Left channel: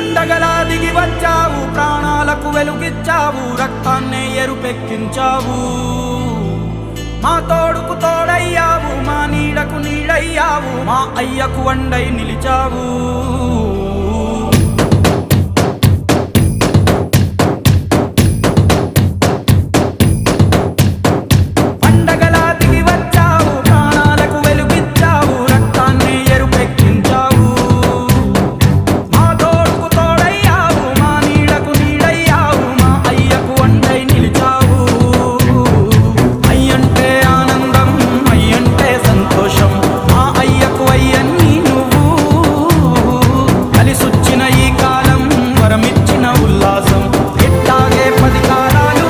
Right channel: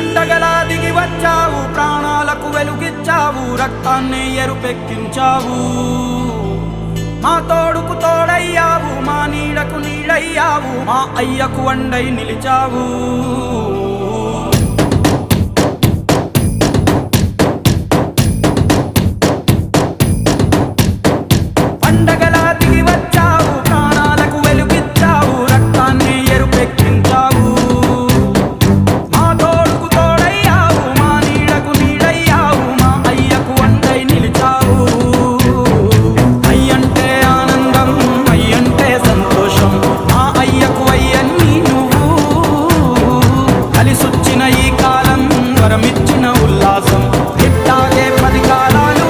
పండగలా దిగి వచ్చావు, ప్రాణాలకు వెలుగిచ్చావు, రక్తాన్నే ఎరుపెక్కించావు. మా తోడుకు తోడయ్యావు, మా నీడకు నీడయ్యావు, మా అయ్యకు వండై నిలిచావు. పండగలా దిగి వచ్చావు, ప్రాణాలకు వెలుగిచ్చావు, రక్తాన్ని ఎరుపెక్కించావు. మా తోడుకు తోడయ్యావు, మా నీడకు నీడయ్యావు, మా అయ్యకు వండై నిలిచావు. అయ్యంటే ఆనందం, అయ్యంటే సంతోషం, మా అయ్యకు అయ్యన్ని నువ్వు. కలిసొచ్చిన ఈ కాలం వరమిచ్చిన ఉల్లాసం, ఇట్టాగే 10 కాలాలు